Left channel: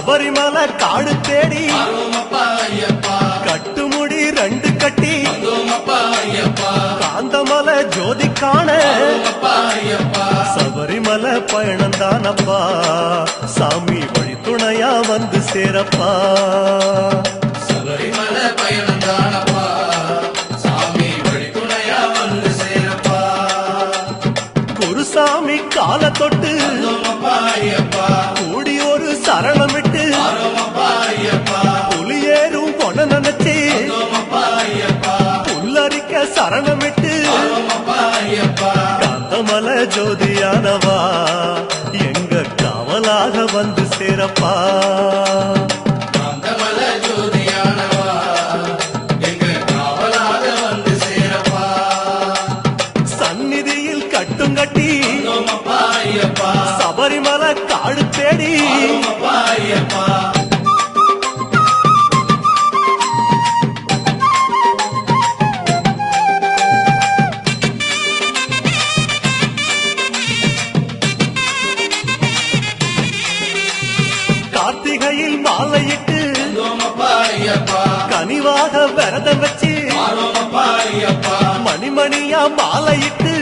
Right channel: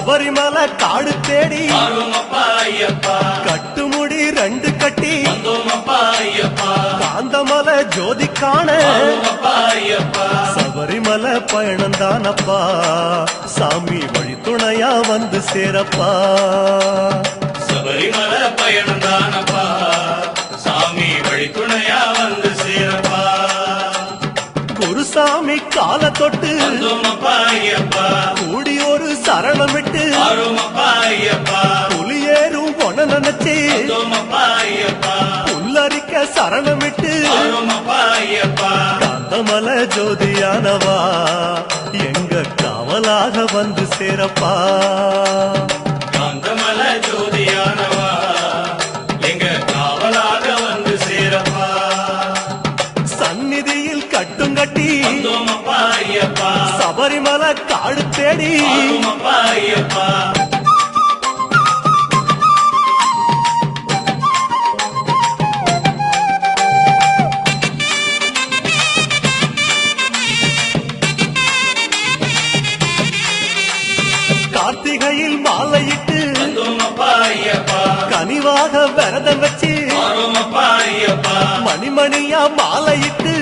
சபரிமலை காடு தேடி கட்டுமுடி 2 கட்டி காந்தமலை ஜோதி காண சபரிமலை பயணந்தானப்பா சாமி வழி துணையா வந்து சேரப்பா சபரிமலை பயணந்தானப்பா சாமி வழி துணையா வந்து சேரப்பா குருசாமி கால தொட்டு கூடி ஒரு சரணமிட்டு புலியேறும் பொன நினைச்சு புல்லரிக்க சரணமிட்டு காந்தமலை ஜோதியானவா எங்க காவலாக வந்து சேரப்பா காந்தமலை ஜோதியானவா எங்க காவலாக வந்து சேரப்பா சந்நிதியில் கட்டுங்கட்டி சபரிமலை காடு தேடி கார்த்திகையில் மாலையிட்டு கனிவாக விரதம் வச்சு மணிமணியா மாலையிட்டு